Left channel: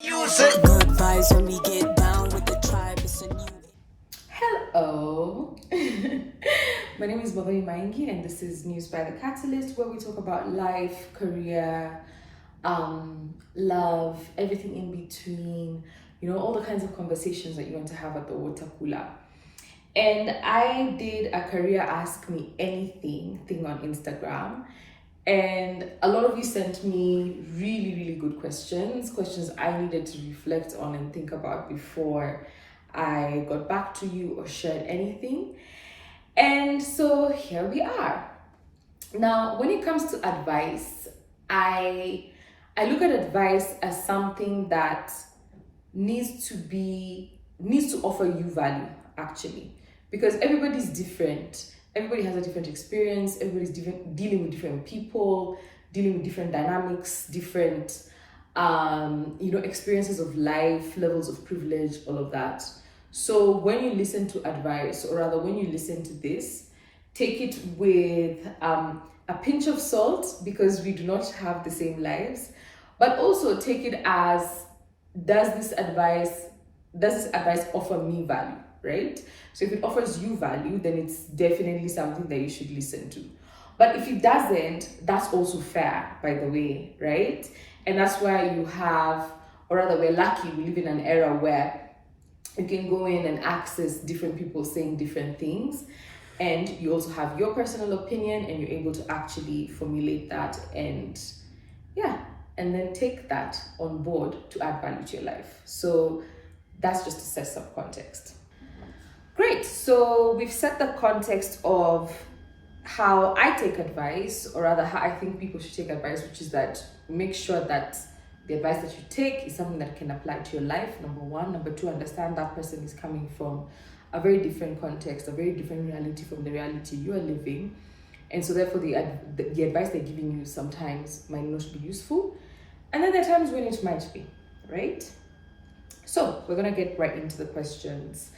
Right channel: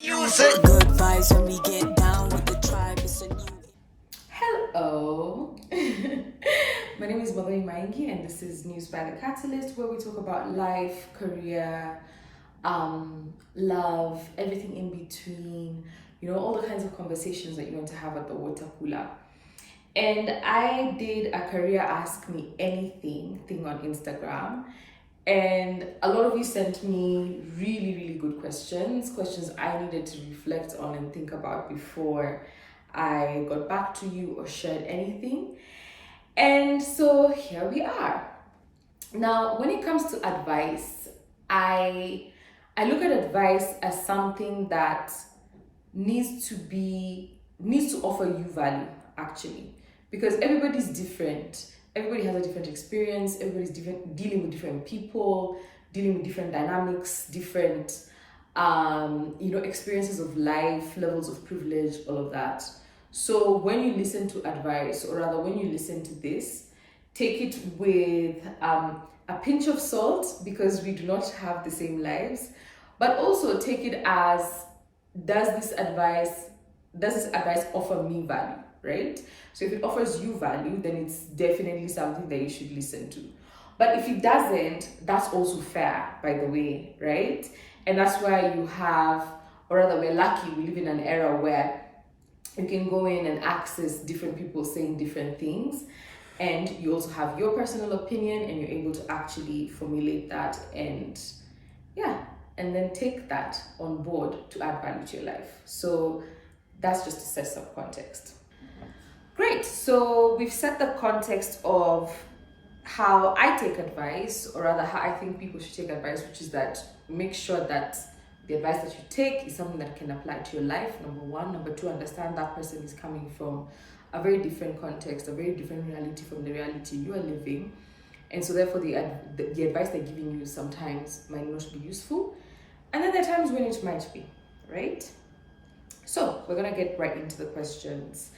Good vibes when we get down with the tribe. It's a new. Hello, my name is Baba Maingi, and this is News by the Catalyst, where we talk about life, career, love, everything in between. You know, all the kinds of conversations that you want to have at the water cooler. And I did a career ask me anything thing on Instagram. And a lot of you sent me really, really good questions I needed to reflect on and think about before I got back to you or shared anything. And so here we are. Now, when it comes to advice, I look at advice as something that needs to offer you value, actually, because everybody's different. Everybody has a different experience. Everybody's different, dealing with different people, dealing with different dynamics, different experiences of life, levels of privilege, all of that. So when you listen to advice, or rather when you listen to this, take it with a pinch of salt, because we do not have the same lives, but also take it as, does this advice offer me value, right? So if it offers you value, then it's definitely something that you should listen to. But if it doesn't, that's also fair, by the way, right? And that's why you have, or rather, we're lucky, we live in an era where you can go in and access different people saying different things, and you also have your personal opinion, and you're able to actually formulate that and then take that on board to add value to your life. So that's just to set some context. Great, so we've set the context of how I take advice, or rather how I think people should take advice, which is that make sure that the advice that you take is something that can apply to your life, number one. Number two, understand that person is coming from a very different context, a very different reality from the reality you are living. And so therefore the advice they're giving you sometimes might not be useful. And then there are times when it might be, right? So we're gonna get right into the questions.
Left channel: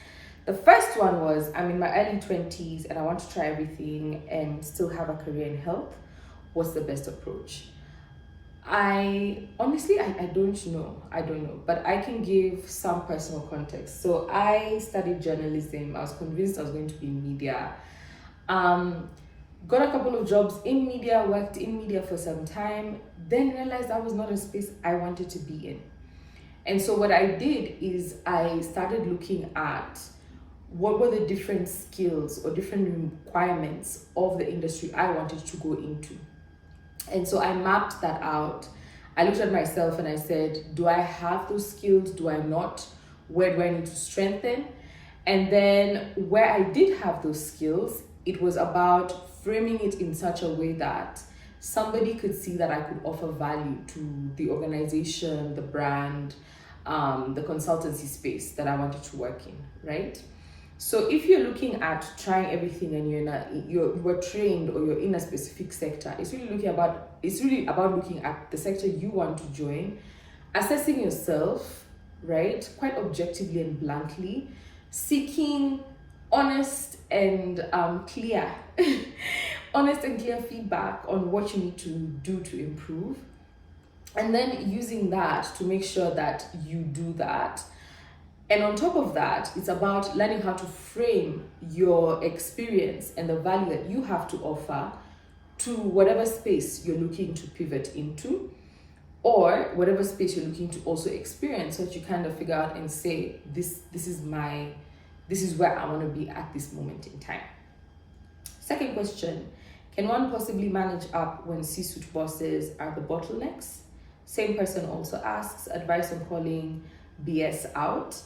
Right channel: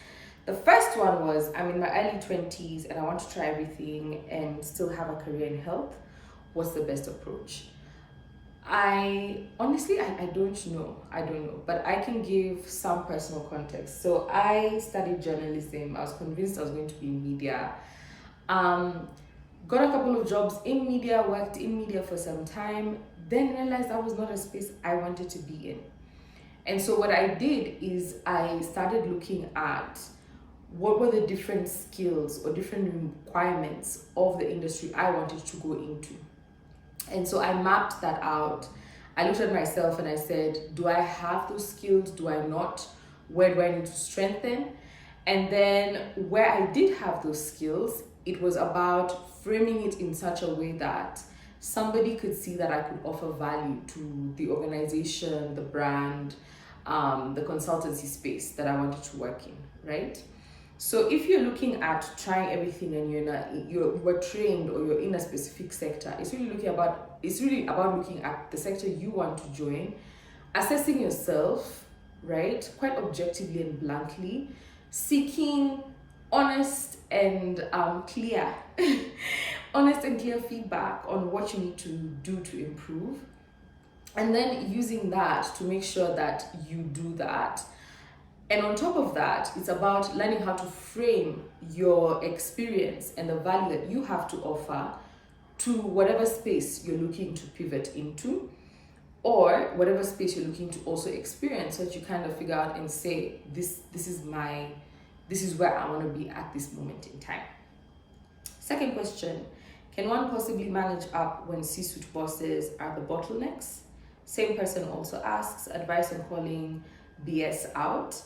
The first one was, I'm in my early 20s and I want to try everything and still have a career in health. What's the best approach? I honestly, I don't know. I don't know, but I can give some personal context. So I studied journalism. I was convinced I was going to be in media. Got a couple of jobs in media, worked in media for some time, then realized that was not a space I wanted to be in. And so what I did is I started looking at what were the different skills or different requirements of the industry I wanted to go into. And so I mapped that out. I looked at myself and I said, do I have those skills? Do I not? Where do I need to strengthen? And then where I did have those skills, it was about framing it in such a way that somebody could see that I could offer value to the organization, the brand, the consultancy space that I wanted to work in, right? So if you're looking at trying everything and you were trained or you're in a specific sector, it's really about looking at the sector you want to join, assessing yourself, right, quite objectively and bluntly, seeking honest and clear feedback on what you need to do to improve, and then using that to make sure that you do that. And on top of that, it's about learning how to frame your experience and the value that you have to offer to whatever space you're looking to pivot into, or whatever space you're looking to also experience, so that you kind of figure out and say, this is where I want to be at this moment in time. Second question, can one possibly manage up when C-suite bosses are the bottlenecks? Same person also asks, advice on calling BS out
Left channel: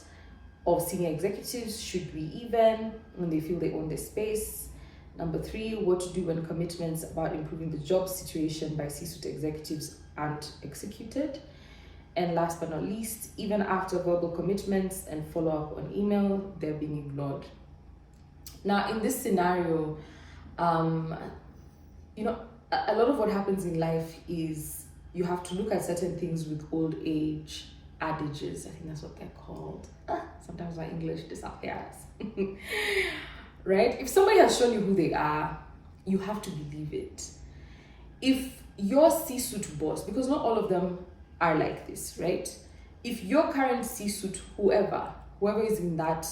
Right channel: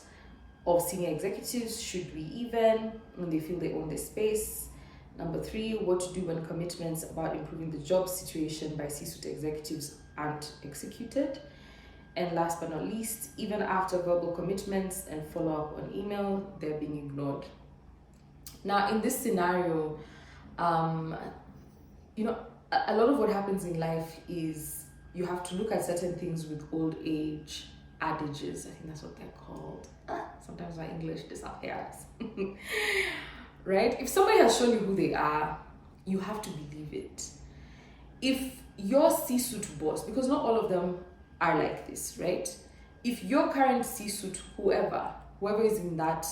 of senior executives. Should we even when they feel they own their space? Number three, what to do when commitments about improving the job situation by C-suite executives aren't executed? And last but not least, even after verbal commitments and follow-up on email, they're being ignored. Now, in this scenario, a lot of what happens in life is you have to look at certain things with old age adages. I think that's what they're called. Sometimes my English disappears. Right? If somebody has shown you who they are, you have to believe it. If your C-suite boss, because not all of them are like this, right? if your current C-suite, whoever is in that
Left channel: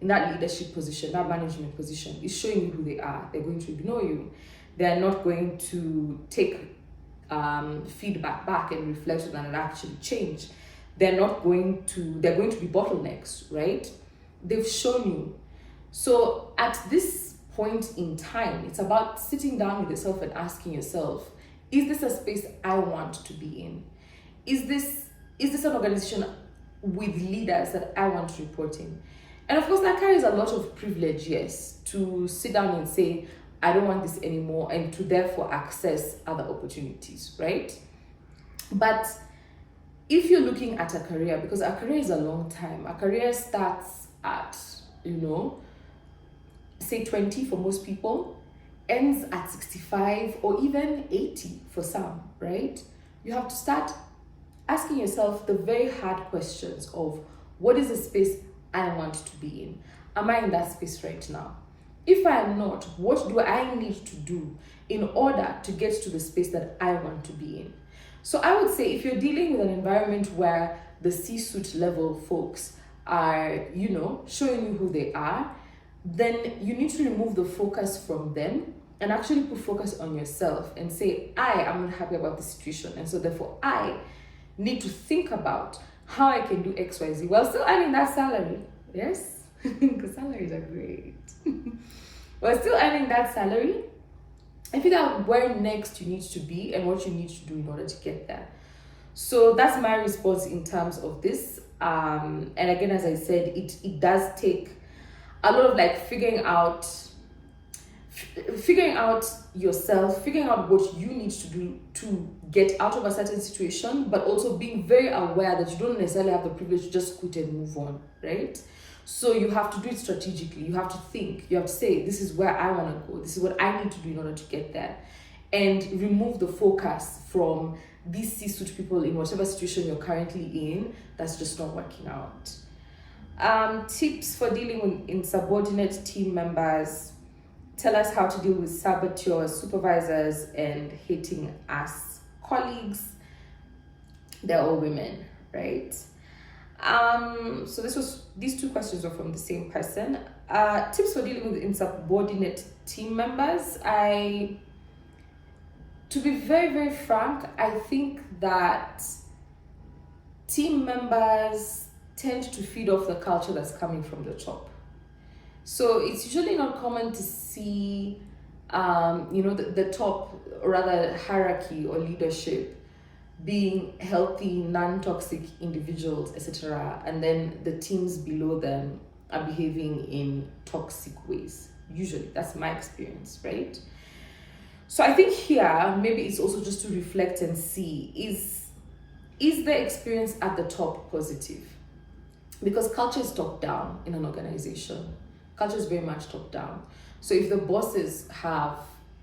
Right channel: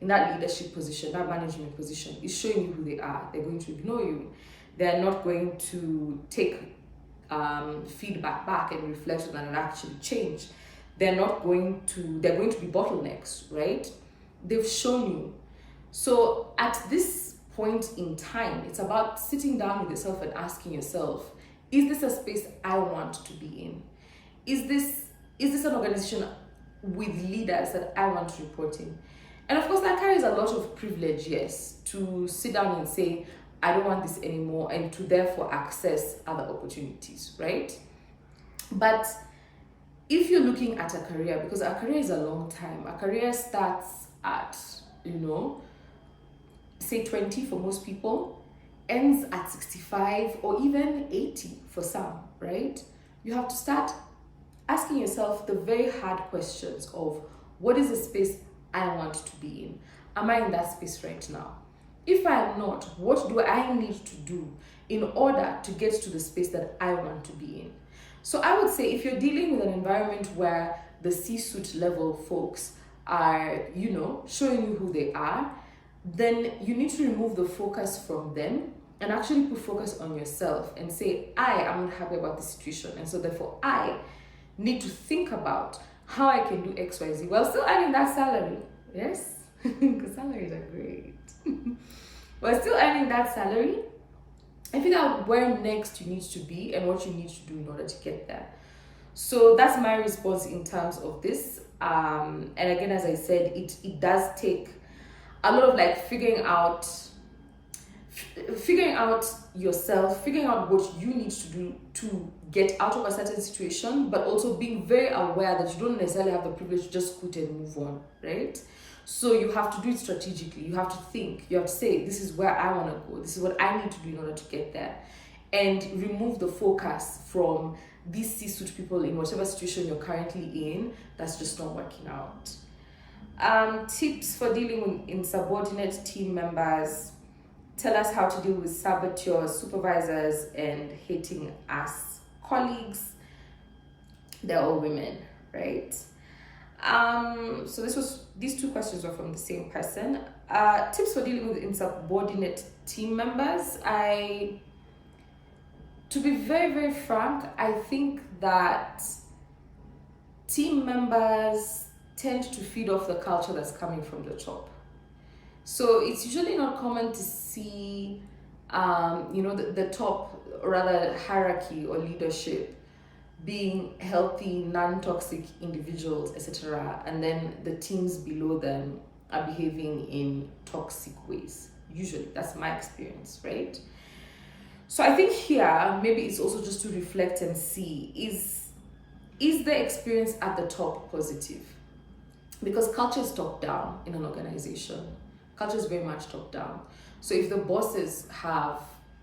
leadership position, that management position, is showing you who they are, they're going to ignore you. They're not going to take feedback back and reflect on that and actually change. They're going to be bottlenecks, right? They've shown you. So at this point in time, it's about sitting down with yourself and asking yourself, is this a space I want to be in? Is this an organization with leaders that I want to report in? And of course, that carries a lot of privilege, yes, to sit down and say, I don't want this anymore, and to therefore access other opportunities, right? But if you're looking at a career, because a career is a long time, a career starts at, say 20 for most people, ends at 65 or even 80 for some, right? You have to start asking yourself the very hard questions of, what is the space I want to be in? Am I in that space right now? If I am not, what do I need to do in order to get to the space that I want to be in? So I would say, if you're dealing with an environment where the C-suite level folks are, showing you who they are, then you need to remove the focus from them and actually put focus on yourself and say, I am not happy about this situation, and so therefore I need to think about how I can do XYZ while still earning that salary. Yes, because salaries are great. While still earning that salary, and figure out where next you need to be and what you need to do in order to get there. So that's my response in terms of this. And again, as I said, it does take a lot of figuring out yourself, figuring out what you need to do to get out of a certain situation, but also being very aware that you don't necessarily have the privilege to just quit and move on, right? So you have to do it strategically. You have to think. You have to say, this is where I want to go. This is what I need to do in order to get there. And remove the focus from these C-suite people in whatever situation you're currently in that's just not working out. Tips for dealing with insubordinate team members. Tell us how to deal with saboteurs, supervisors, and hating us colleagues. They're all women, right? So these two questions were from the same person. Tips for dealing with insubordinate team members. To be very, very frank, I think that team members tend to feed off the culture that's coming from the top. So it's usually not common to see, the top, or rather hierarchy or leadership, being healthy, non-toxic individuals, etc., and then the teams below them are behaving in toxic ways. Usually, that's my experience, right? So I think here, maybe it's also just to reflect and see, is the experience at the top positive? Because culture is top down in an organization. Culture is very much top down. So if the bosses have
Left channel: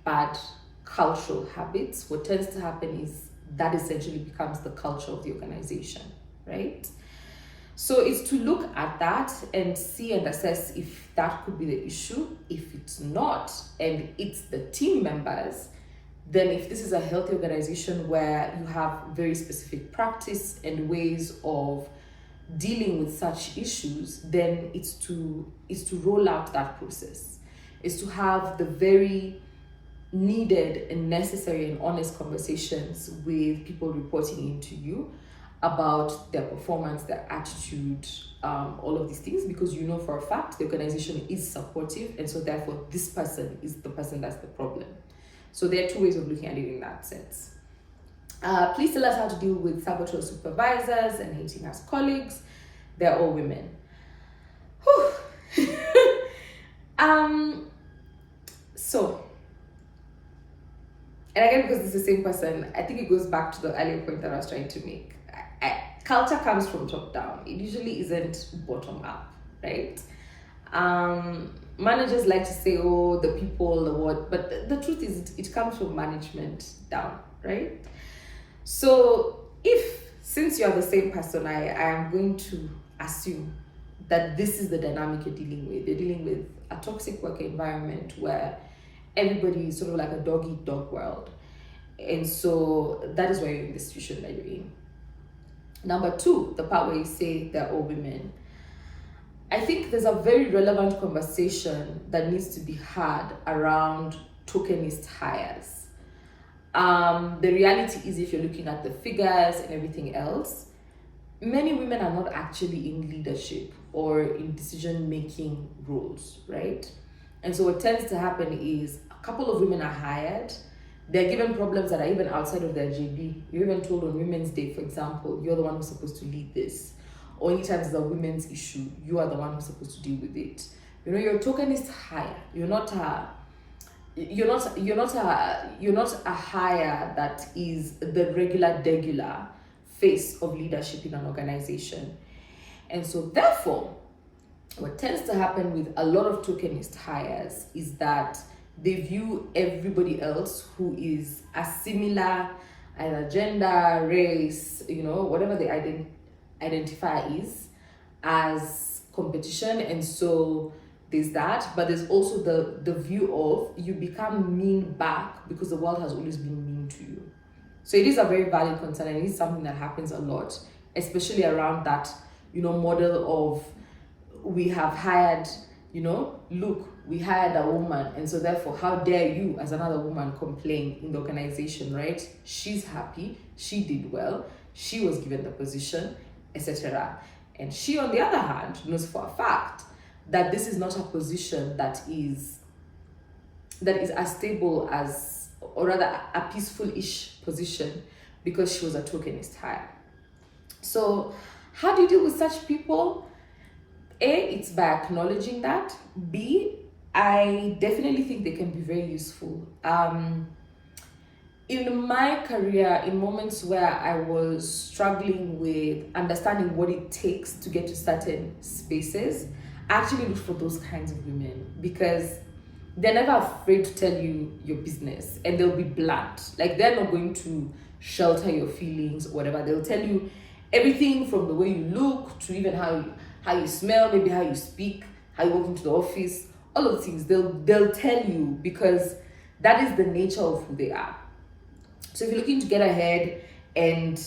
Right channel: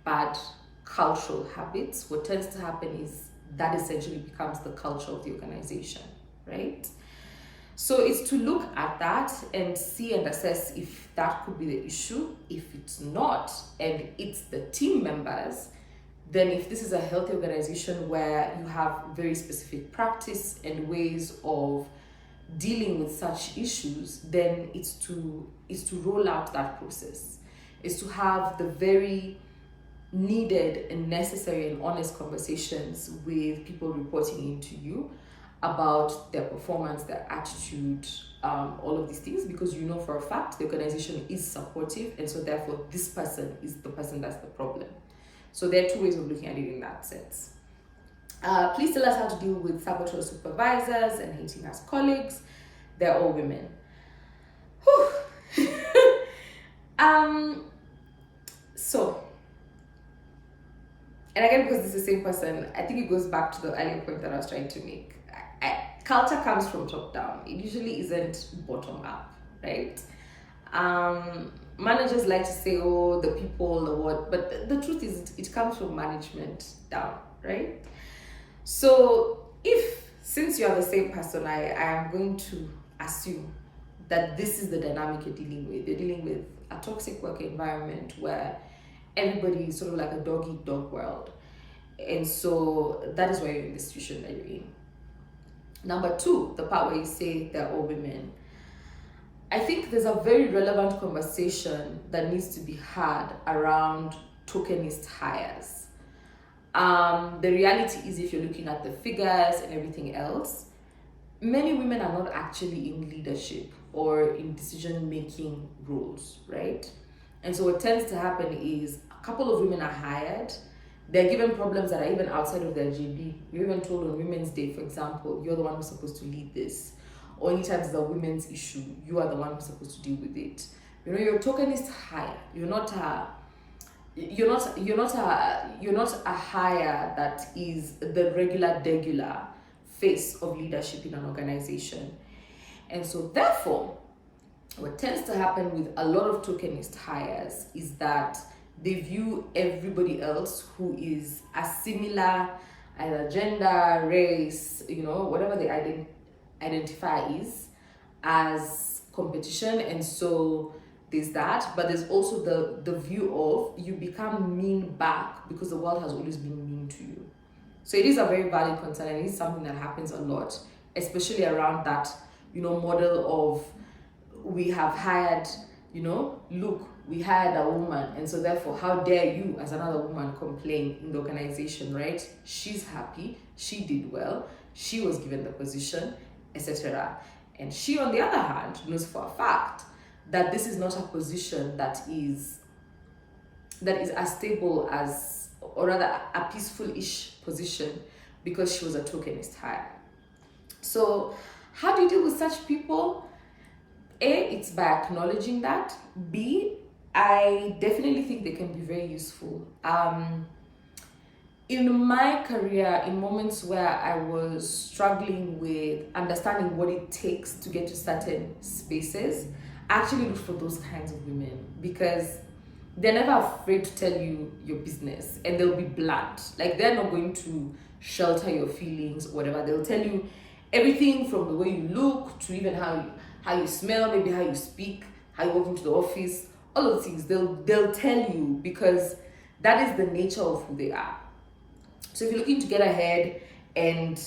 bad cultural habits, what tends to happen is that essentially becomes the culture of the organization, right? So it's to look at that and see and assess if that could be the issue. If it's not, and it's the team members, then if this is a healthy organization where you have very specific practice and ways of dealing with such issues, then it's to roll out that process. It's to have the very needed and necessary and honest conversations with people reporting into you about their performance, their attitude, all of these things, because you know for a fact the organization is supportive, and so therefore this person is the person that's the problem. So there are two ways of looking at it in that sense. Please tell us how to deal with saboteur supervisors and hating us colleagues. They're all women. So, and again, because it's the same person, I think it goes back to the earlier point that I was trying to make. Culture comes from top down. It usually isn't bottom up, right? Managers like to say, oh, the people, the what, but the truth is it comes from management down, right? So since you're the same person, I am going to assume that this is the dynamic you're dealing with. You're dealing with a toxic work environment where everybody is sort of like a dog-eat-dog world. And so that is why you're in the situation that you're in. Number two, the part where you say they're all women. I think there's a very relevant conversation that needs to be had around tokenist hires. The reality is, if you're looking at the figures and everything else, many women are not actually in leadership or in decision-making roles, right? And so what tends to happen is a couple of women are hired, they're given problems that are even outside of their JB. You're even told on Women's Day, for example, you're the one who's supposed to lead this. Or anytime there's a women's issue, you are the one who's supposed to deal with it. You know, you're a tokenist hire. You're not a hire that is the regular face of leadership in an organization. And so therefore, what tends to happen with a lot of tokenist hires is that they view everybody else who is a similar either gender, race, whatever they identify as competition. And so there's that, but there's also the view of you become mean back because the world has always been mean to you. So it is a very valid concern, and it is something that happens a lot, especially around that model of we have hired, look, we hired a woman, and so therefore how dare you as another woman complain in the organization, right? She's happy, she did well, she was given the position, etc. And she, on the other hand, knows for a fact that this is not a position that is as stable as, or rather a peaceful-ish position, because she was a tokenist hire. So how do you deal with such people? A, it's by acknowledging that. B, I definitely think they can be very useful. In my career, in moments where I was struggling with understanding what it takes to get to certain spaces, I actually look for those kinds of women, because they're never afraid to tell you your business, and they'll be blunt. Like, they're not going to shelter your feelings or whatever. They'll tell you everything from the way you look to even how you smell, maybe how you speak, how you walk into the office, all of the things. They'll tell you, because that is the nature of who they are. So if you're looking to get ahead and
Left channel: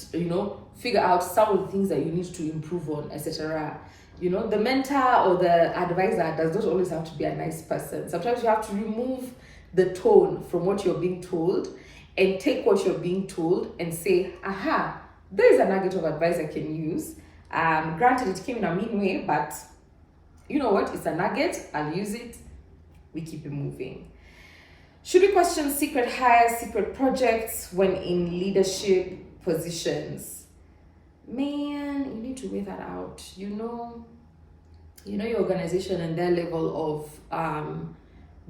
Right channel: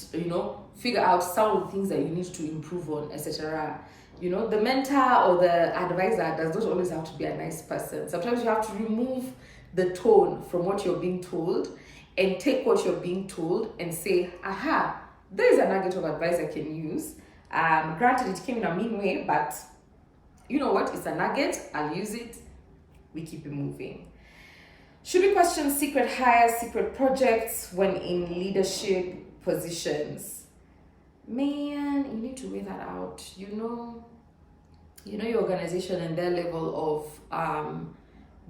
figure out some of the things that you need to improve on, etc., the mentor or the advisor does not always have to be a nice person. Sometimes you have to remove the tone from what you're being told and take what you're being told and say, aha, there is a nugget of advice I can use. Granted, it came in a mean way, but you know what? It's a nugget. I'll use it. We keep it moving. Should we question secret hires, secret projects when in leadership positions? Man, you need to weigh that out. You know your organization and their level of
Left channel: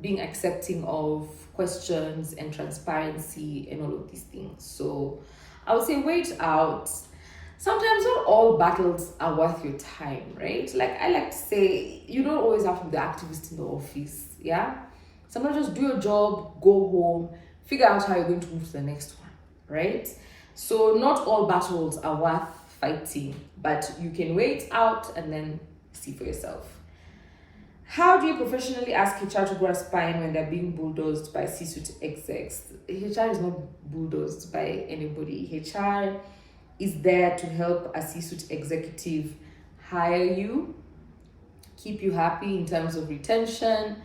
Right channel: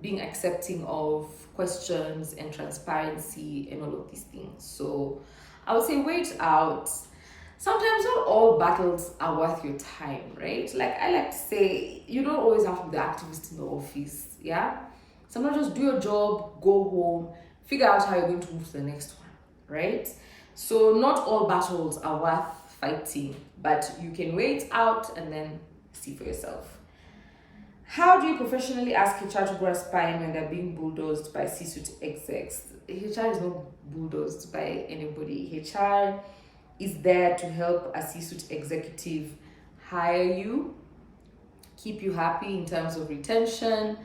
being accepting of questions and transparency and all of these things. So I would say wait out. Sometimes not all battles are worth your time, right? Like I like to say, you don't always have to be the activist in the office, yeah? Sometimes just do your job, go home, figure out how you're going to move to the next one, right? So not all battles are worth fighting, but you can wait out and then see for yourself. How do you professionally ask HR to grow a spine when they're being bulldozed by C-suite execs? HR is not bulldozed by anybody. HR is there to help a C-suite executive hire you, keep you happy in terms of retention,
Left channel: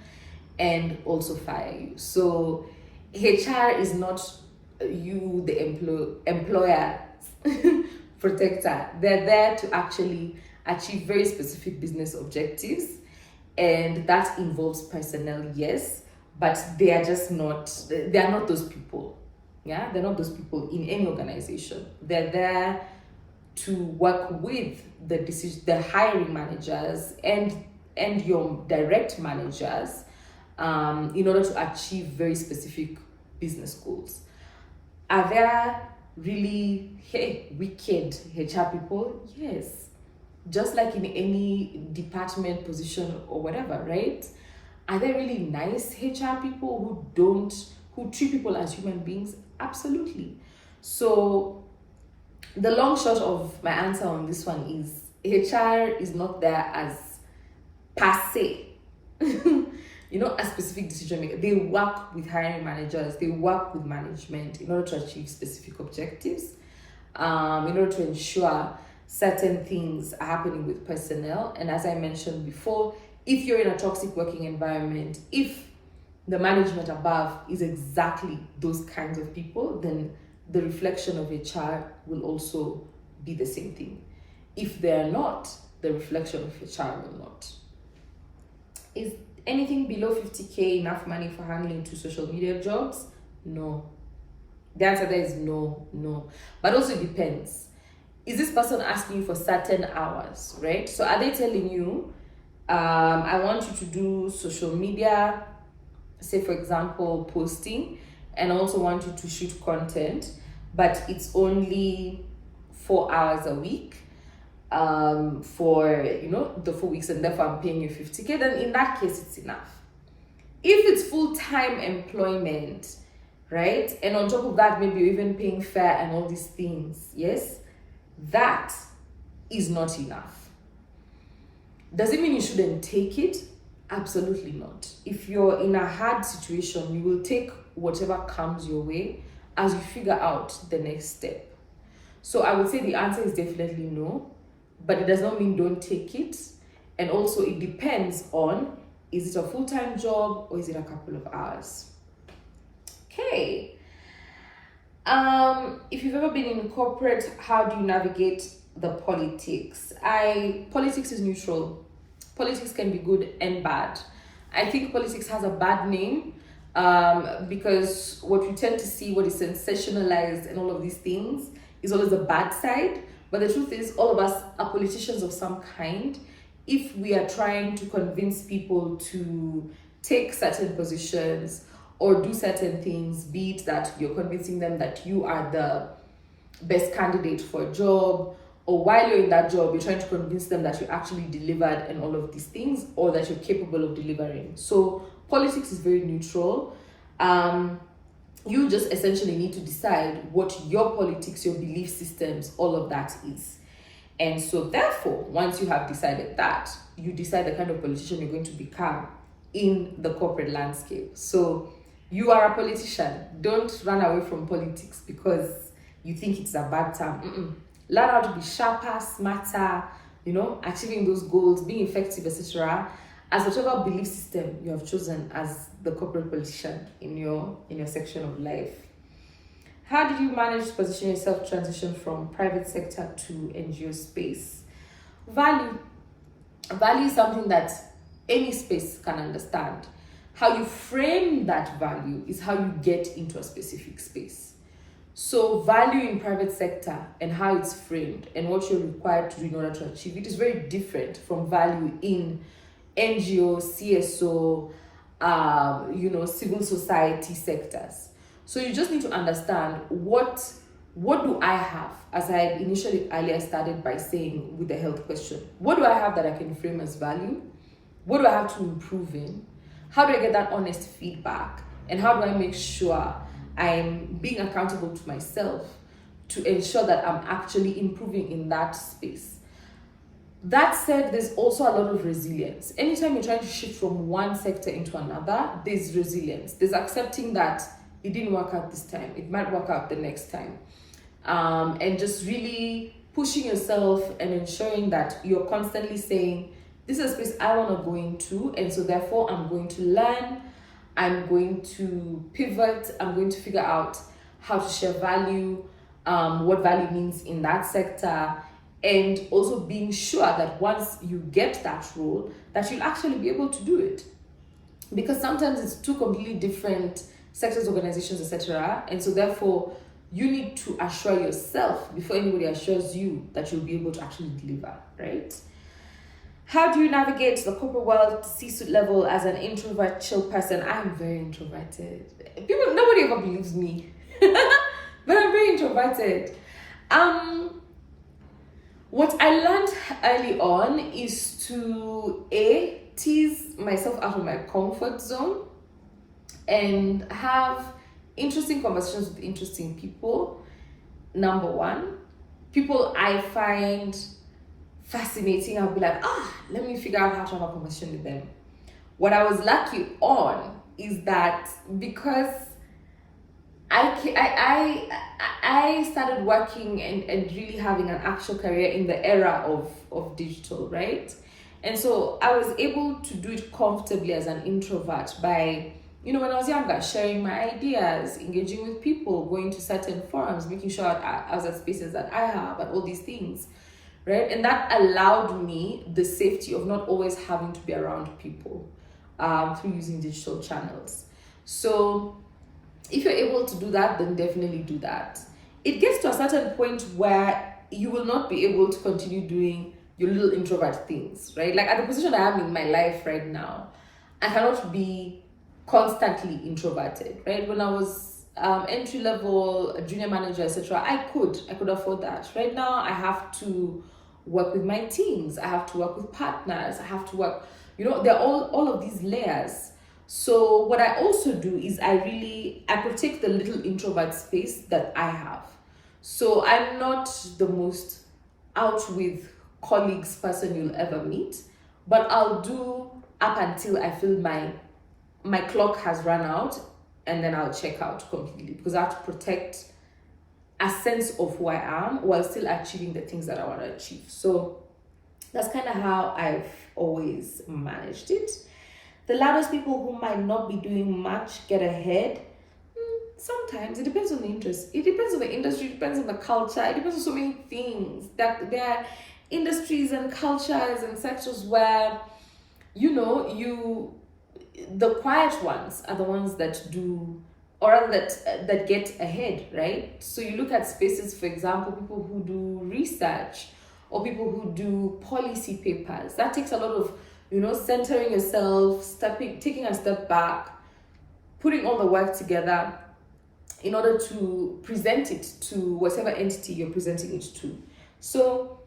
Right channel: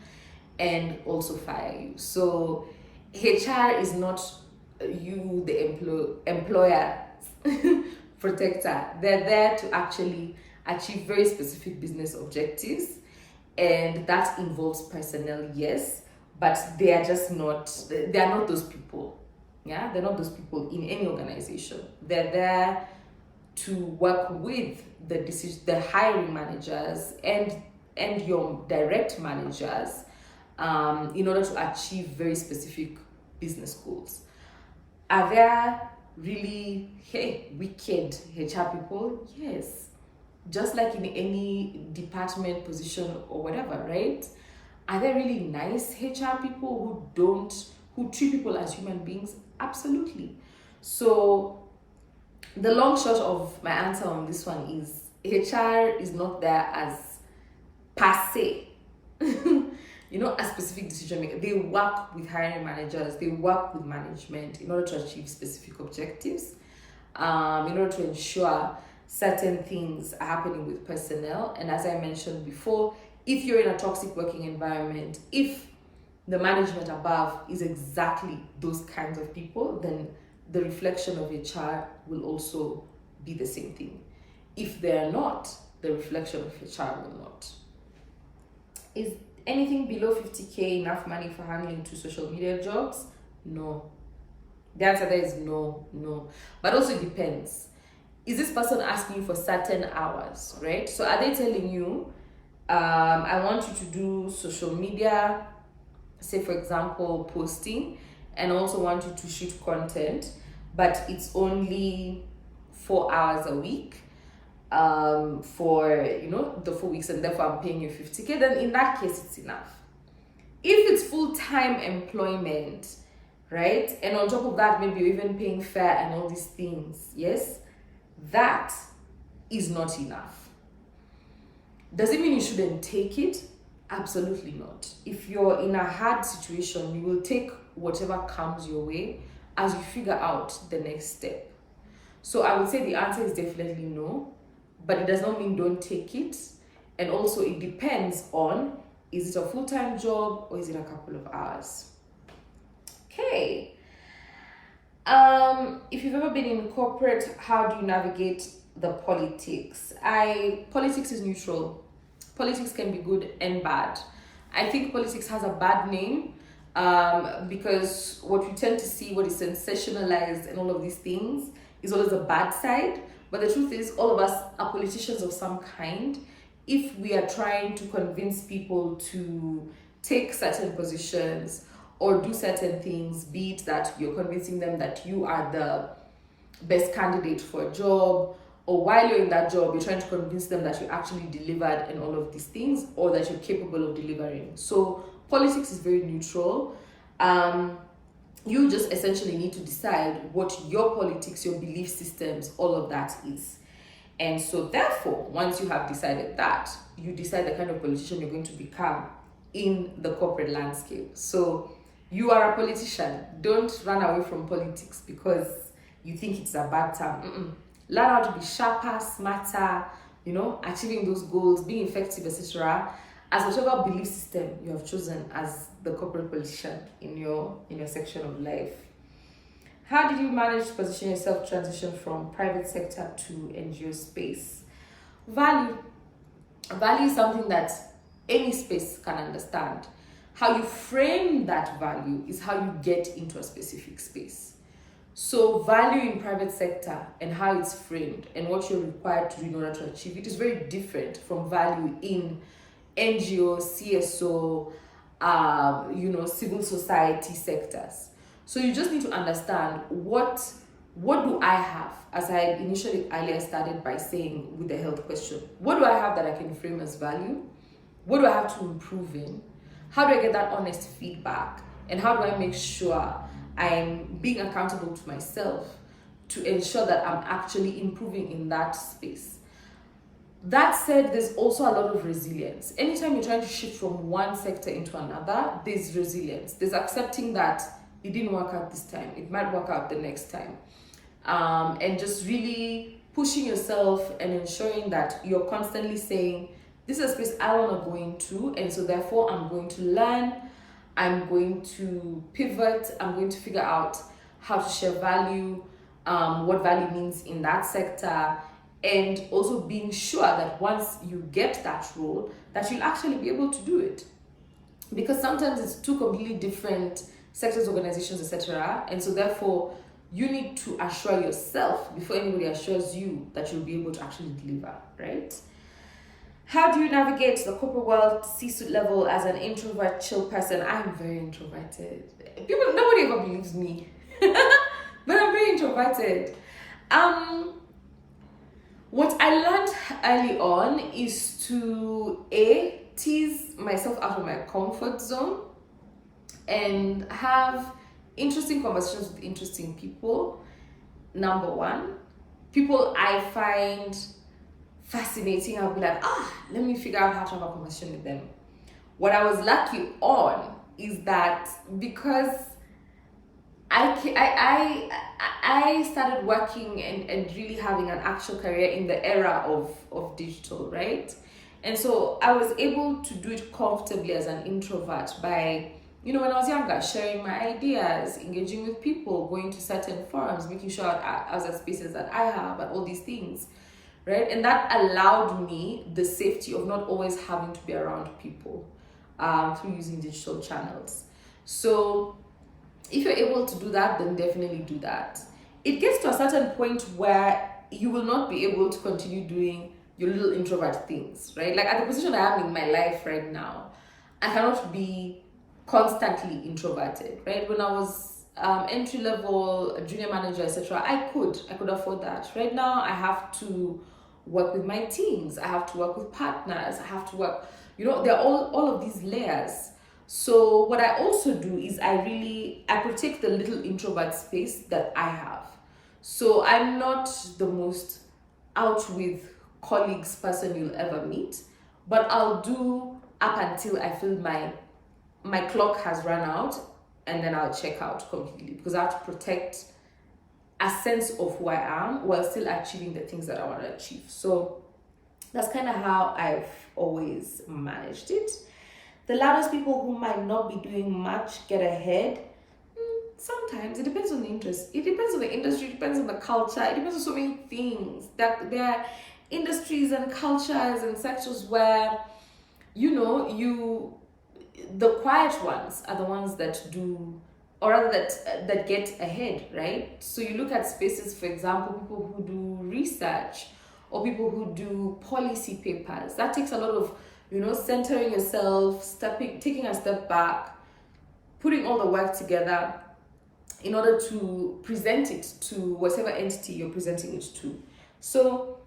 and also fire you. So HR is not you, the employer protector. They're there to actually achieve very specific business objectives, and that involves personnel, yes, but they are not those people. Yeah, they're not those people in any organization. They're there to work with the hiring managers and your direct managers in order to achieve very specific business goals. Are there really wicked HR people? Yes. Just like in any department, position, or whatever, right? Are there really nice HR people who treat people as human beings? Absolutely. So the long short of my answer on this one is HR is not there as per se a specific decision maker. They work with hiring managers, they work with management in order to achieve specific objectives, in order to ensure certain things are happening with personnel. And as I mentioned before, if you're in a toxic working environment, if the management above is exactly those kinds of people, then the reflection of HR will also be the same thing. If they're not, the reflection of HR will not. Is anything below 50K enough money for handling 2 social media jobs? No. The answer there is no. But also it depends. Is this person asking you for certain hours, right? So are they telling you, I want you to do social media, say for example, posting, and I also want you to shoot content, but it's only 4 hours a week for the 4 weeks, and therefore I'm paying you 50K, then in that case it's enough. If it's full-time employment, right, and on top of that maybe you're even paying fair and all these things, yes, that is not enough. Does it mean you shouldn't take it? Absolutely not. If you're in a hard situation, you will take whatever comes your way as you figure out the next step. So I would say the answer is definitely no, but it does not mean don't take it. And also it depends on, is it a full-time job or is it a couple of hours? Okay. If you've ever been in corporate, how do you navigate the politics? Politics is neutral. Politics can be good and bad. I think politics has a bad name because what we tend to see, what is sensationalized and all of these things, is always the bad side. But the truth is, all of us are politicians of some kind. If we are trying to convince people to take certain positions or do certain things, be it that you're convincing them that you are the best candidate for a job, or while you're in that job, you're trying to convince them that you actually delivered and all of these things, or that you're capable of delivering. So politics is very neutral. You just essentially need to decide what your politics, your belief systems, all of that is. And so therefore, once you have decided that, you decide the kind of politician you're going to become in the corporate landscape. So you are a politician. Don't run away from politics because you think it's a bad term. Learn how to be sharper, smarter, achieving those goals, being effective, etc. as whatever belief system you have chosen as the corporate politician in your section of life. How did you manage to position yourself, transition from private sector to NGO space? Value is something that any space can understand. How you frame that value is how you get into a specific space. So value in private sector and how it's framed and what you're required to do in order to achieve it is very different from value in NGO, CSO, civil society sectors. So you just need to understand what do I have, as I initially earlier started by saying with the health question. What do I have that I can frame as value? What do I have to improve in? How do I get that honest feedback? And how do I make sure I'm being accountable to myself to ensure that I'm actually improving in that space? That said, there's also a lot of resilience. Anytime you're trying to shift from one sector into another, there's resilience. There's accepting that it didn't work out this time. It might work out the next time. And just really pushing yourself and ensuring that you're constantly saying, this is a space I want to go into, and so therefore I'm going to learn, I'm going to pivot, I'm going to figure out how to share value, what value means in that sector, and also being sure that once you get that role, that you'll actually be able to do it. Because sometimes it's two completely different sectors, organizations, etc. And so therefore, you need to assure yourself before anybody assures you that you'll be able to actually deliver, right? How do you navigate the corporate world, C-suite level as an introvert, chill person? I am very introverted. Nobody ever believes me, but I'm very introverted. What I learned early on is to tease myself out of my comfort zone and have interesting conversations with interesting people. Number one, people I find fascinating, I'll be like, let me figure out how to have a conversation with them. What I was lucky on is that because I started working and really having an actual career in the era of digital, right? And so I was able to do it comfortably as an introvert by, when I was younger, sharing my ideas, engaging with people, going to certain forums, making sure I was at spaces that I have, and all these things, right? And that allowed me the safety of not always having to be around people through using digital channels. So if you're able to do that, then definitely do that. It gets to a certain point where you will not be able to continue doing your little introvert things, right? Like at the position I am in my life right now, I cannot be constantly introverted, right? When I was entry level, a junior manager, etc., I could afford that. Right now, I have to work with my teams. I have to work with partners. I have to work, there are all of these layers. So what I also do is I protect the little introvert space that I have. So I'm not the most out with colleagues person you'll ever meet, but I'll do up until I feel my clock has run out, and then I'll check out completely, because I have to protect a sense of who I am while still achieving the things that I want to achieve. So that's kind of how I've always managed it. The loudest people who might not be doing much get ahead. Sometimes it depends on the interest. It depends on the industry. It depends on the culture. It depends on so many things. That there are industries and cultures and sectors where, the quiet ones are the ones that do, or rather that get ahead, right? So you look at spaces, for example, people who do research or people who do policy papers. That takes a lot of, centering yourself, taking a step back, putting all the work together in order to present it to whatever entity you're presenting it to. So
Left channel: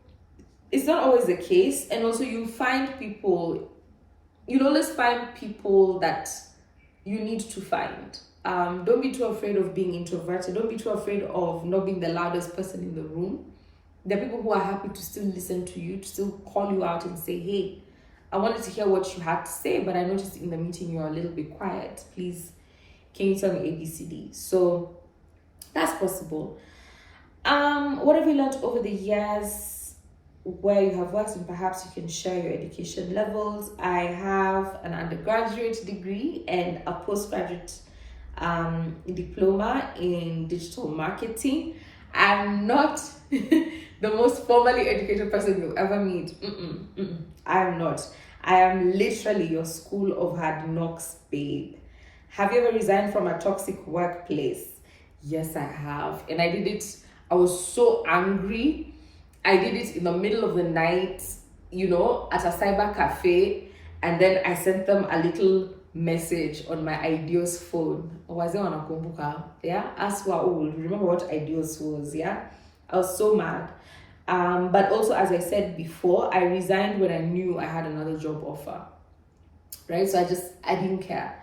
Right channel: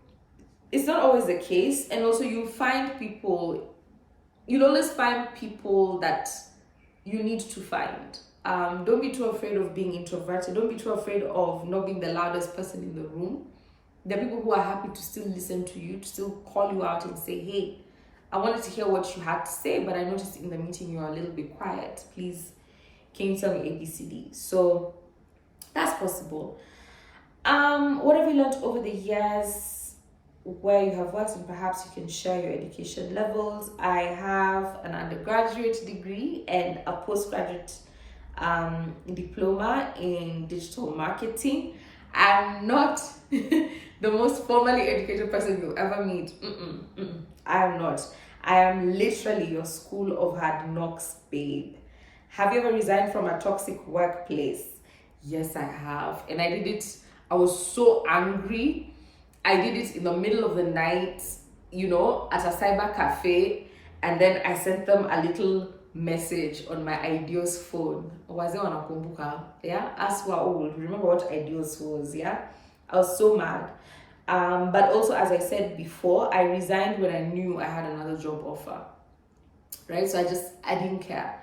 it's not always the case. And also you'll always find people that you need to find. Don't be too afraid of being introverted. Don't be too afraid of not being the loudest person in the room. There are people who are happy to still listen to you, to still call you out and say, hey, I wanted to hear what you had to say, but I noticed in the meeting you're a little bit quiet. Please, can you tell me ABCD? So that's possible. What have you learned over the years where you have worked, and perhaps you can share your education levels? I have an undergraduate degree and a postgraduate diploma in digital marketing. I'm not the most formally educated person you'll ever meet. I am not. I am literally your school of hard knocks, babe. Have you ever resigned from a toxic workplace? Yes, I have. And I did it. I was so angry. I did it in the middle of the night, at a cyber cafe. And then I sent them a little message on my Ideos phone. Yeah, as we're old, remember what Ideos was? Yeah, I was so mad. But also, as I said before, I resigned when I knew I had another job offer, right? So I didn't care.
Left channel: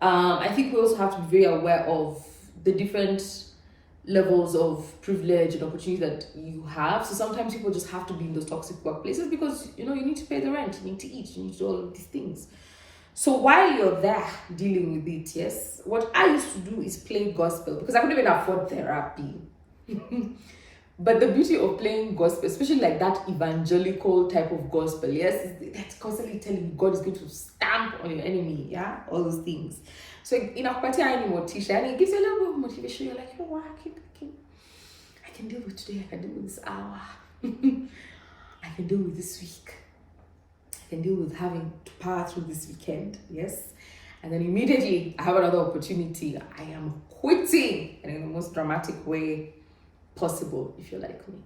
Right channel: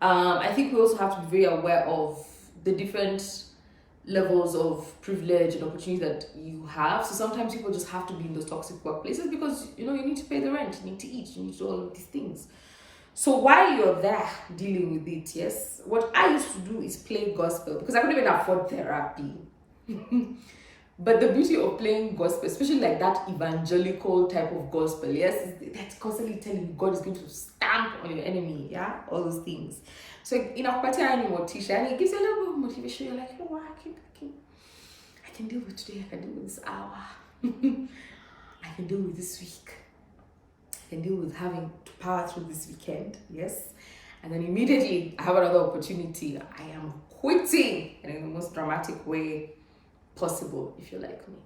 I think we also have to be very aware of the different levels of privilege and opportunity that you have. So sometimes people just have to be in those toxic workplaces because, you need to pay the rent, you need to eat, you need to do all of these things. So while you're there dealing with it, yes, what I used to do is play gospel because I couldn't even afford therapy. But the beauty of playing gospel, especially like that evangelical type of gospel, yes, that's constantly telling you God is going to stamp on your enemy, yeah, all those things. So in a particular motivation, and it gives you a little bit of motivation. You're like, what, I can deal with today. I can deal with this hour. I can deal with this week. I can deal with having to power through this weekend, yes. And then immediately I have another opportunity. I am quitting, and in the most dramatic way possible, if you're like me.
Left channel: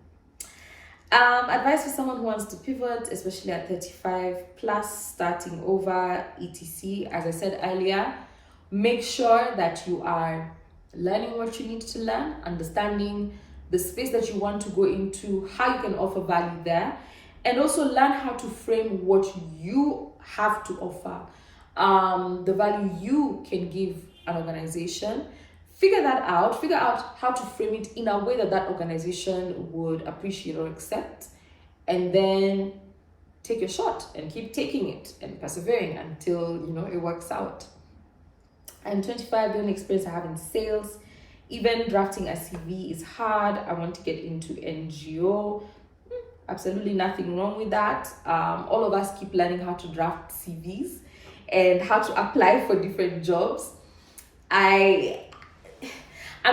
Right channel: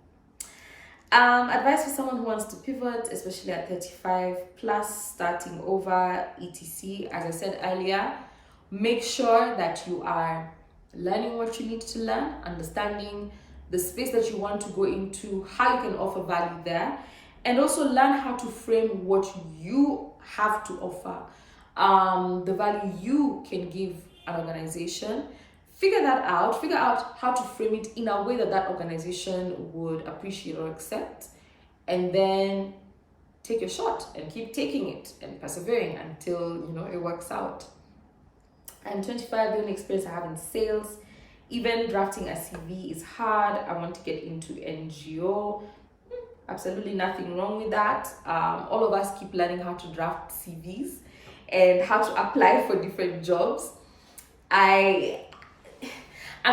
Advice for someone who wants to pivot, especially at 35 plus, starting over, etc. As I said earlier, make sure that you are learning what you need to learn, understanding the space that you want to go into, how you can offer value there, and also learn how to frame what you have to offer, the value you can give an organization. Figure out how to frame it in a way that organization would appreciate or accept, and then take your shot and keep taking it and persevering until it works out. I'm 25. The only experience I have in sales Even drafting a CV is hard. I want to get into NGO. Absolutely nothing wrong with that. All of us keep learning how to draft CVs and how to apply for different jobs. I'm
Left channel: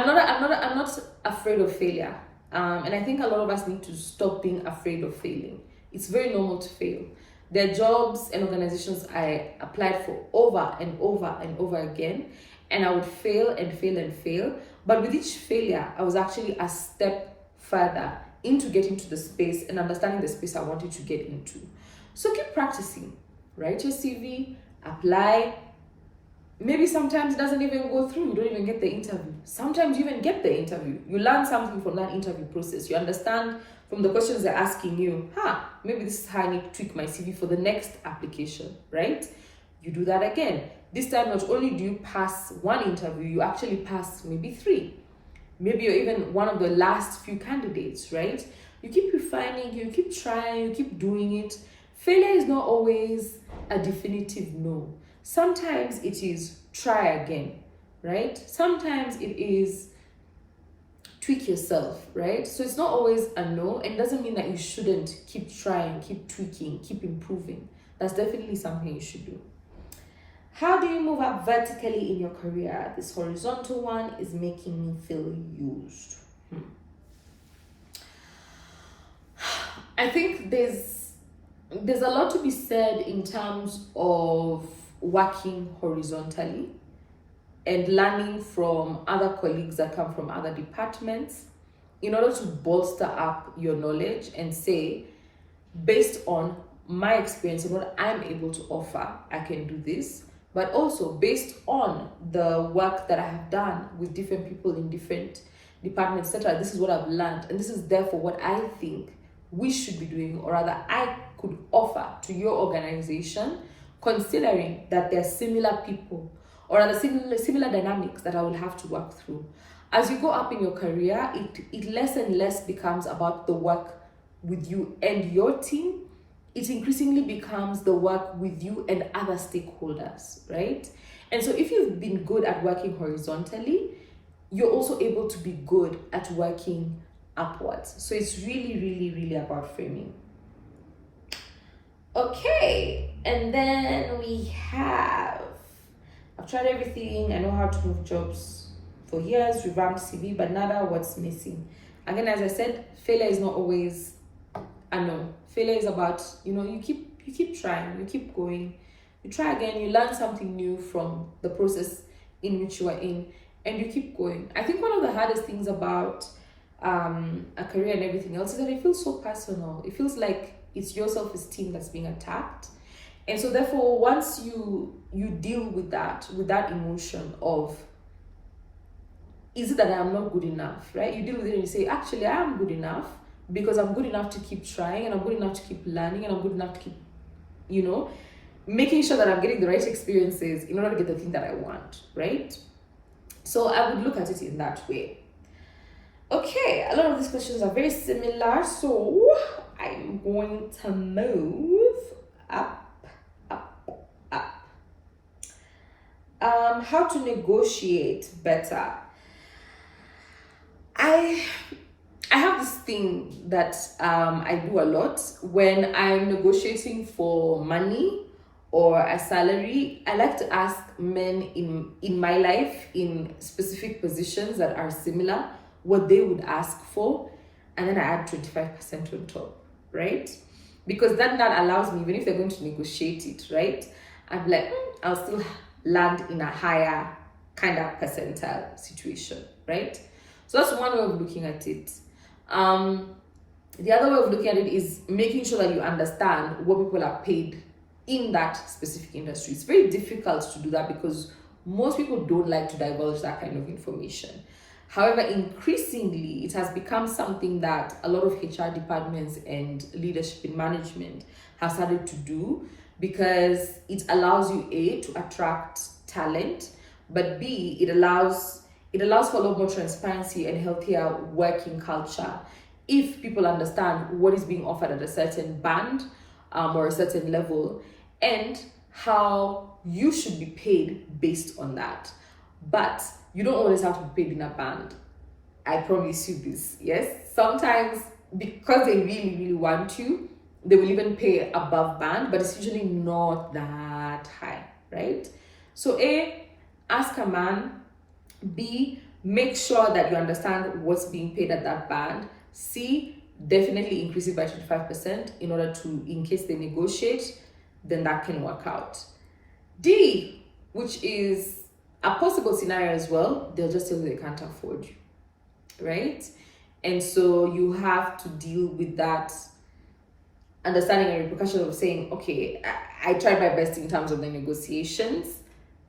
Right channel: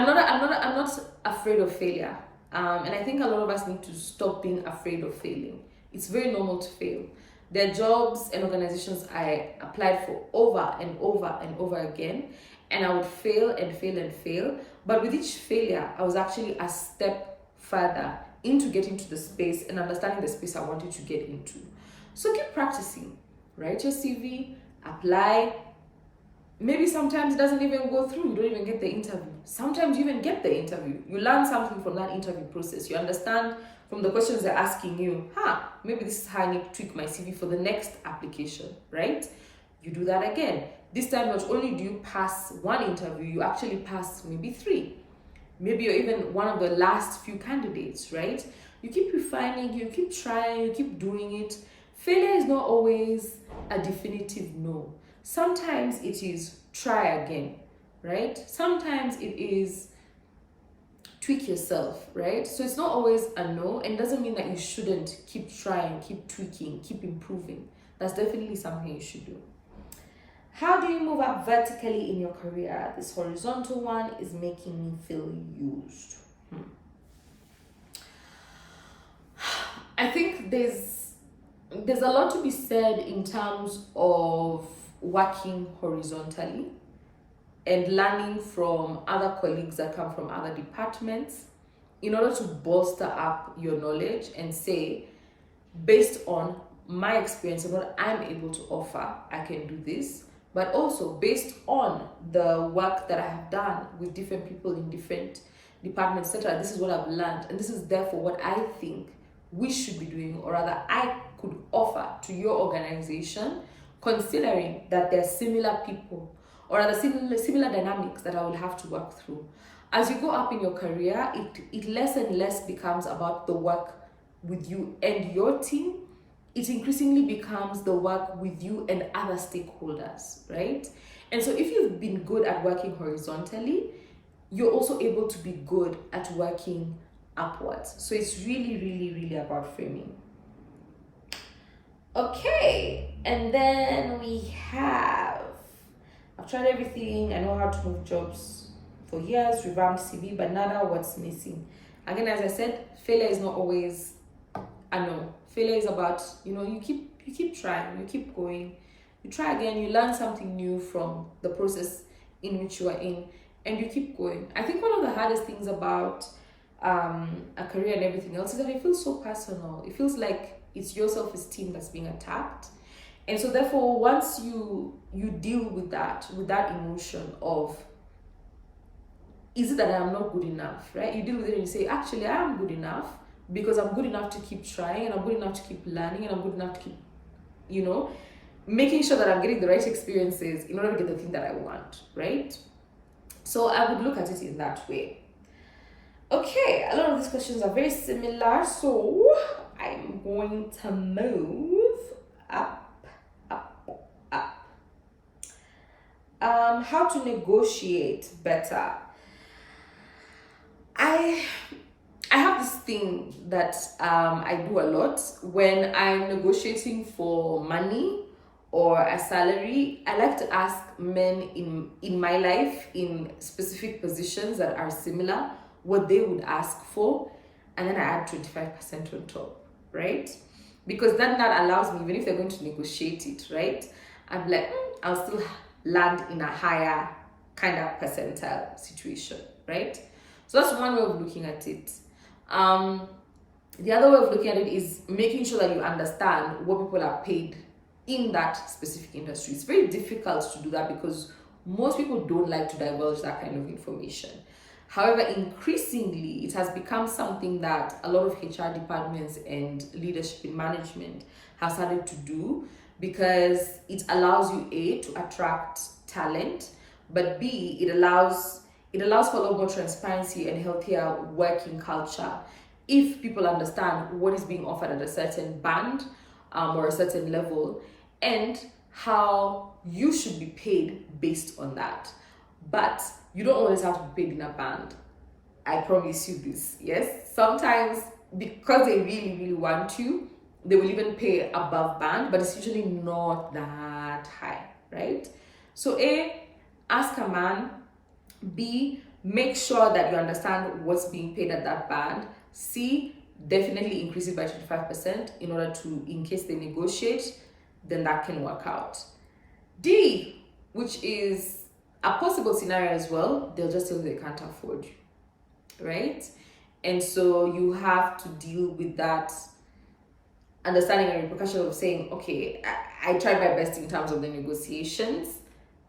not afraid of failure. And I think a lot of us need to stop being afraid of failing. It's very normal to fail. There are jobs and organizations I applied for over and over and over again, and I would fail and fail and fail. But with each failure, I was actually a step further into getting to the space and understanding the space I wanted to get into. So keep practicing. Write your CV, apply. Maybe sometimes it doesn't even go through. You don't even get the interview. Sometimes you even get the interview. You learn something from that interview process. You understand from the questions they're asking you, maybe this is how I need to tweak my CV for the next application, right? You do that again. This time, not only do you pass one interview, you actually pass maybe 3. Maybe you're even one of the last few candidates, right? You keep refining, you keep trying, you keep doing it. Failure is not always a definitive no. Sometimes it is try again, right? Sometimes it is tweak yourself, right? So it's not always a no, and it doesn't mean that you shouldn't keep trying, keep tweaking, keep improving. That's definitely something you should do. How do you move up vertically in your career? This horizontal one is making me feel used. I think there's a lot to be said in terms of working horizontally and learning from other colleagues that come from other departments in order to bolster up your knowledge and say, based on my experience and what I'm able to offer, I can do this. But also based on the work that I have done with different people in different departments, etc., this is what I've learned, and this is therefore what I think we should be doing, or rather I could offer to your organization, considering that there are similar people or rather similar dynamics that I will have to work through. As you go up in your career, it less and less becomes about the work with you and your team. It increasingly becomes the work with you and other stakeholders, right? And so if you've been good at working horizontally, you're also able to be good at working upwards. So it's really, really, really about framing. Okay, and then I've tried everything. I know how to move jobs for years, revamped CV, but nada, what's missing? Again, as I said, failure is not always a no. Failure is about, you keep trying, you keep going, you try again, you learn something new from the process in which you are in, and you keep going. I think one of the hardest things about a career and everything else is that it feels so personal. It feels like it's your self-esteem that's being attacked. And so therefore, once you deal with that emotion of, is it that I am not good enough, right? You deal with it and you say, actually, I am good enough, because I'm good enough to keep trying, and I'm good enough to keep learning, and I'm good enough to keep, making sure that I'm getting the right experiences in order to get the thing that I want, right? So I would look at it in that way. Okay, a lot of these questions are very similar, so I'm going to move up. How to negotiate better. I have this thing that I do a lot when I'm negotiating for money or a salary. I like to ask men in my life in specific positions that are similar what they would ask for, and then I add 25% on top, right? Because that allows me, even if they're going to negotiate it, right, I'm like, I'll still land in a higher kind of percentile situation, right? So that's one way of looking at it. The other way of looking at it is making sure that you understand what people are paid in that specific industry. It's very difficult to do that because most people don't like to divulge that kind of information. However, increasingly, it has become something that a lot of HR departments and leadership in management have started to do, because it allows you, A, to attract talent, but B, it allows for a lot more transparency and healthier working culture if people understand what is being offered at a certain band or a certain level, and how you should be paid based on that. but you don't always have to be paid in a band. I promise you this. Yes, sometimes because they really, really want to, they will even pay above band, but it's usually not that high, right? So A, ask a man. B, make sure that you understand what's being paid at that band. C, definitely increase it by 25% in order to, in case they negotiate, then that can work out. D, which is a possible scenario as well, they'll just tell you they can't afford you, right? And so you have to deal with that understanding and repercussion of saying, okay, I tried my best in terms of the negotiations.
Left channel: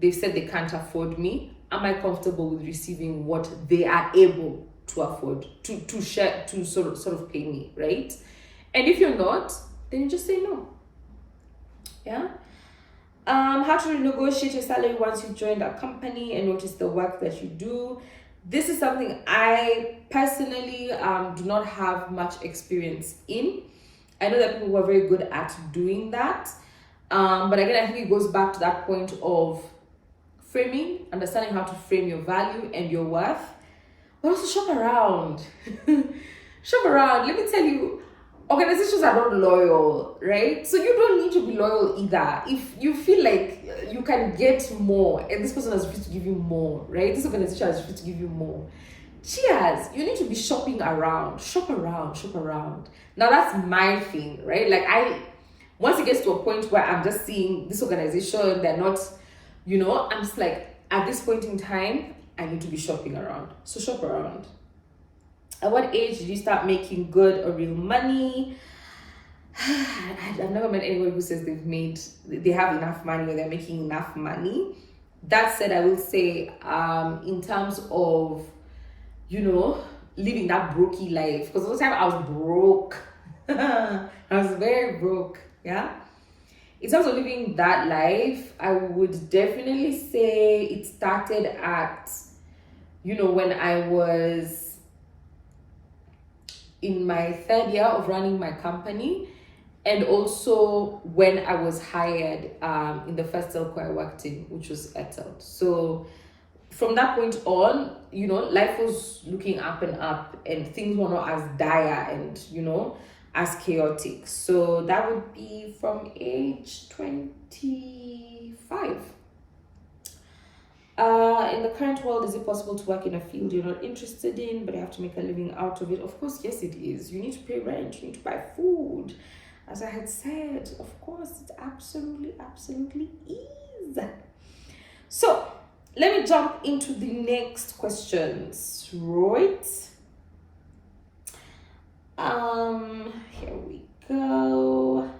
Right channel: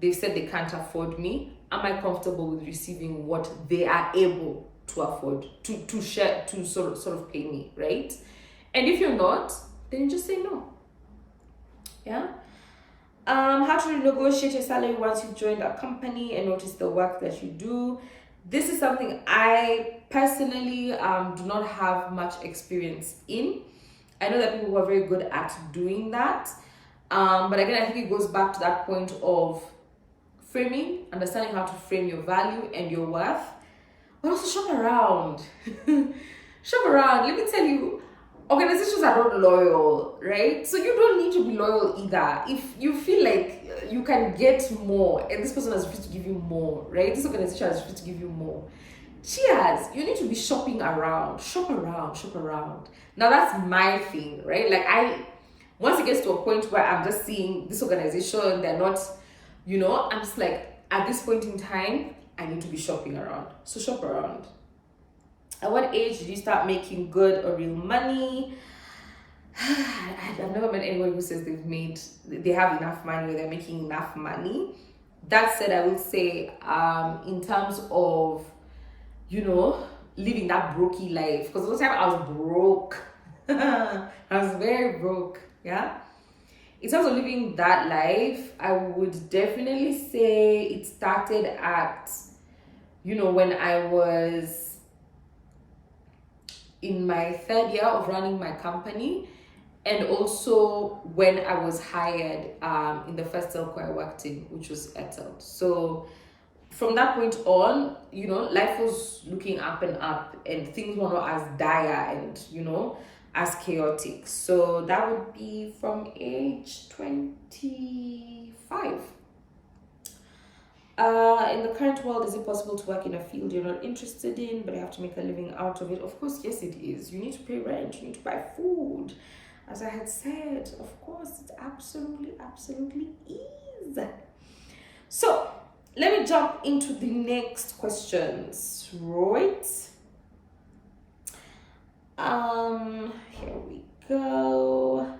They've said they can't afford me. Am I comfortable with receiving what they are able to afford to share, to sort of pay me, right? And if you're not, then you just say no. Yeah. How to renegotiate your salary once you've joined a company and notice the work that you do. This is something I personally do not have much experience in. I know that people who are very good at doing that. But again, I think it goes back to that point of framing, understanding how to frame your value and your worth, but also shop around. Shop around. Let me tell you, organizations are not loyal, right? So you don't need to be loyal either. If you feel like you can get more and this person has refused to give you more, right? This organization has refused to give you more. Cheers. You need to be shopping around. Shop around, shop around. Now that's my thing, right? Like once it gets to a point where I'm just seeing this organization, they're not, I'm just like, at this point in time, I need to be shopping around. So shop around. At what age did you start making good or real money? I've never met anyone who says they have enough money or they're making enough money. That said, I will say, in terms of, living that brokey life, because all the time I was broke. I was very broke, yeah. In terms of living that life, I would definitely say it started at, when I was in my third year of running my company, and also when I was hired in the first telco I worked in, which was Airtel. So from that point on, life was looking up and up, and things were not as dire and, as chaotic. So that would be from age 25. In the current world, is it possible to work in a field you're not interested in, but you have to make a living out of it? Of course, yes, it is. You need to pay rent, you need to buy food. As I had said, of course, it absolutely is. So let me jump into the next questions, right? Here we go.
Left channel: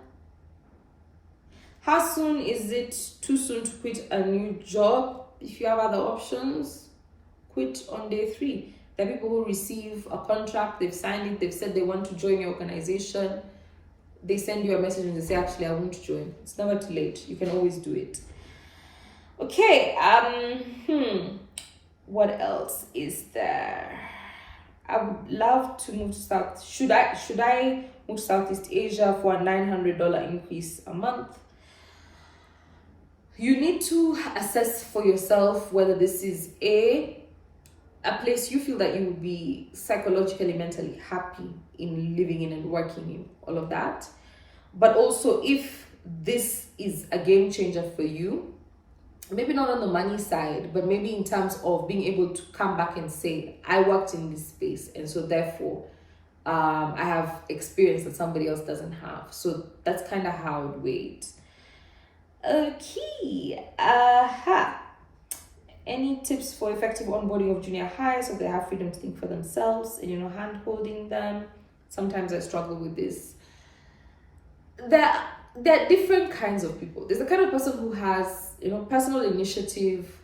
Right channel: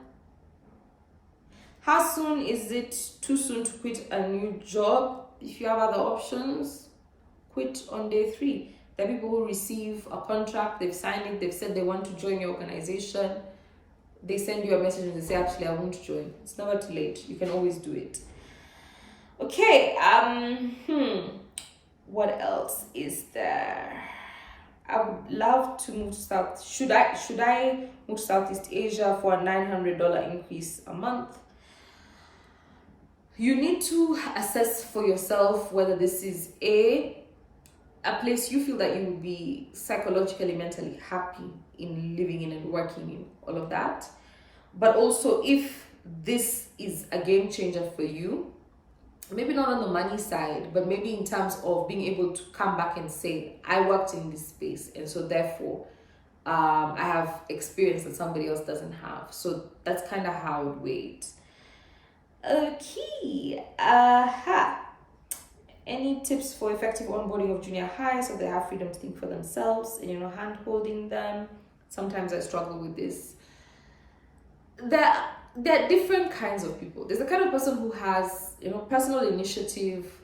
How soon is it too soon to quit a new job? If you have other options, quit on day 3. There are people who receive a contract, they've signed it, they've said they want to join your organization. They send you a message and they say, actually, I won't join. It's never too late. You can always do it. Okay, what else is there? I would love to move to South. Should I move to Southeast Asia for a $900 increase a month? You need to assess for yourself whether this is a place you feel that you will be psychologically, mentally happy in living in and working in, all of that. But also if this is a game changer for you, maybe not on the money side, but maybe in terms of being able to come back and say, I worked in this space, and so therefore I have experience that somebody else doesn't have. So that's kind of how I would weigh it. Okay. Any tips for effective onboarding of junior hires so they have freedom to think for themselves and, hand holding them? Sometimes I struggle with this. There are different kinds of people. There's the kind of person who has, personal initiative,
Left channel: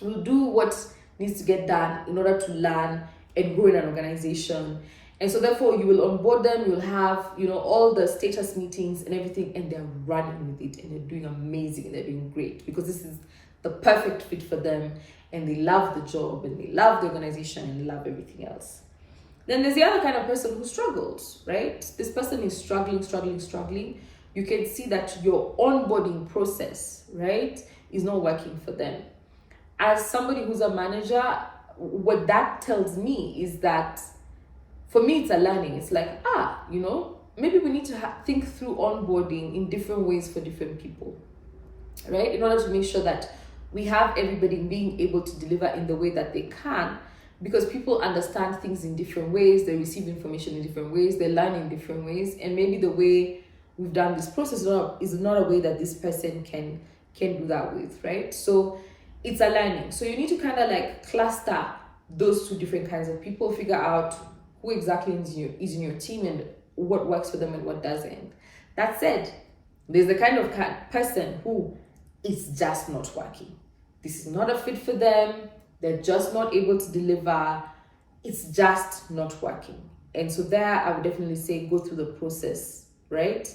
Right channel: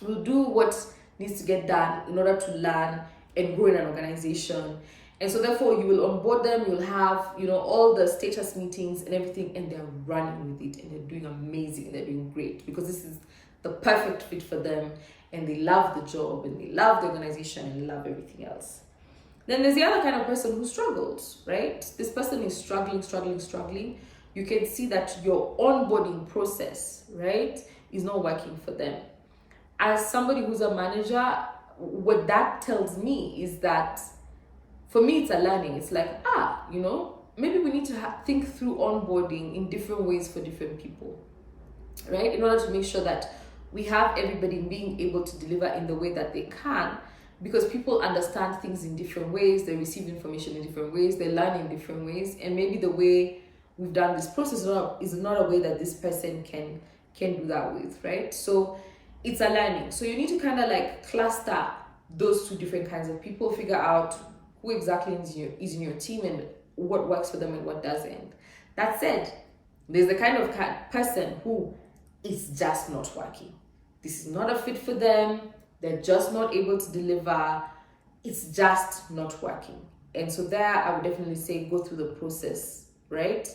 will do what needs to get done in order to learn and grow in an organization. And so therefore you will onboard them, you'll have, all the status meetings and everything, and they're running with it and they're doing amazing and they're doing great because this is the perfect fit for them and they love the job and they love the organization and love everything else. Then there's the other kind of person who struggles, right? This person is struggling. You can see that your onboarding process, right, is not working for them. as somebody who's a manager, what that tells me is that for me, it's a learning. It's like, maybe we need to think through onboarding in different ways for different people, right? In order to make sure that we have everybody being able to deliver in the way that they can, because people understand things in different ways, they receive information in different ways, they learn in different ways, and maybe the way we've done this process is not a way that this person can do that with, right? So it's a learning. So you need to kind of like cluster those two different kinds of people, figure out who exactly is in your team and what works for them and what doesn't. That said, there's the kind of person who is just not working. This is not a fit for them. They're just not able to deliver. It's just not working. And so there, I would definitely say go through the process, right?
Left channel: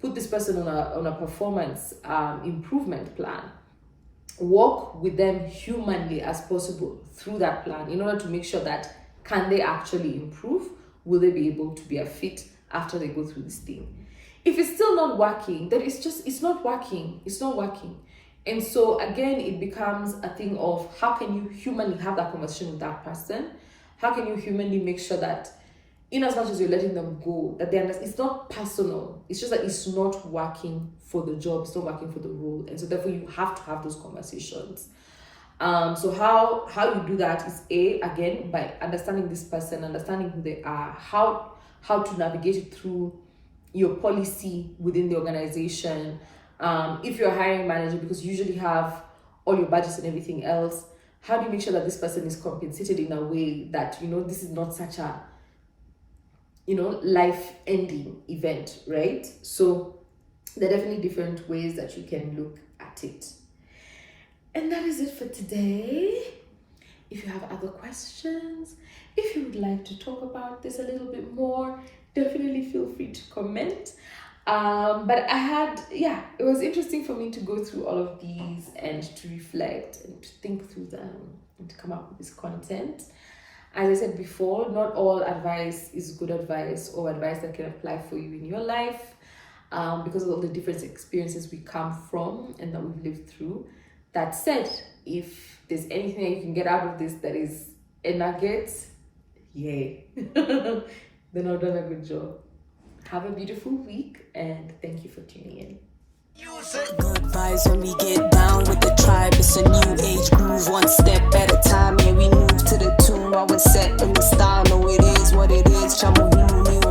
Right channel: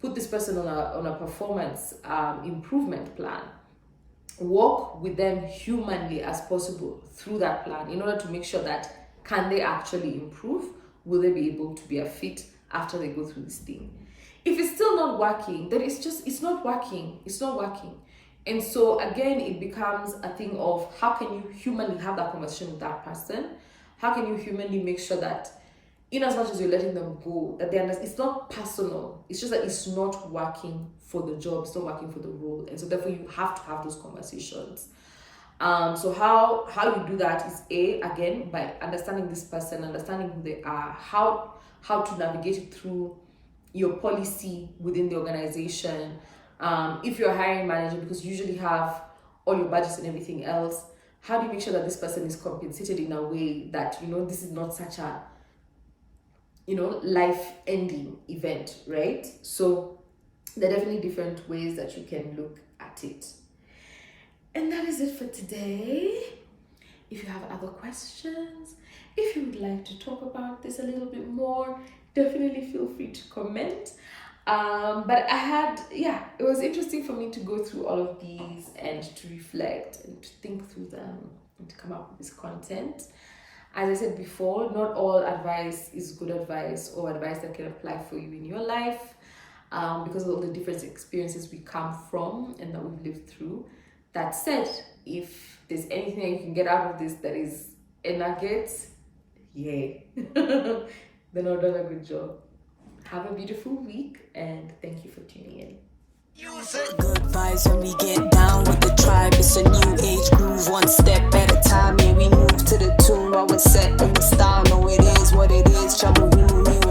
Put this person on a performance improvement plan. Work with them humanly as possible through that plan in order to make sure that can they actually improve? Will they be able to be a fit after they go through this thing? If it's still not working, then it's not working. It's not working. And so again, it becomes a thing of how can you humanly have that conversation with that person? How can you humanly make sure that in as much as you're letting them go, that they understand it's not personal. It's just that it's not working for the job. It's not working for the role. And so therefore you have to have those conversations. So how you do that is again, by understanding this person, understanding who they are, how to navigate it through your policy within the organization. If you're a hiring manager, because you usually have all your budgets and everything else, how do you make sure that this person is compensated in a way that, this is not such a, life-ending event, right? So there are definitely different ways that you can look at it. And that is it for today. If you have other questions, if you would like to talk about this a little bit more, definitely feel free to comment. But it was interesting for me to go through all of these and to reflect and to think through them and to come up with this content. As I said before, not all advice is good advice or advice that can apply for you in your life, because of all the different experiences we come from and that we've lived through. That said, if there's anything that you can get out of this that is a nugget, yay. Then I've done a good job. Have a beautiful week and thank you for tuning in. Good vibes when we get down with the tribe. It's a new age groove, one step at a time. Yeah, we move to the tune while we're set in the style. No, it is what it is. Chamu himu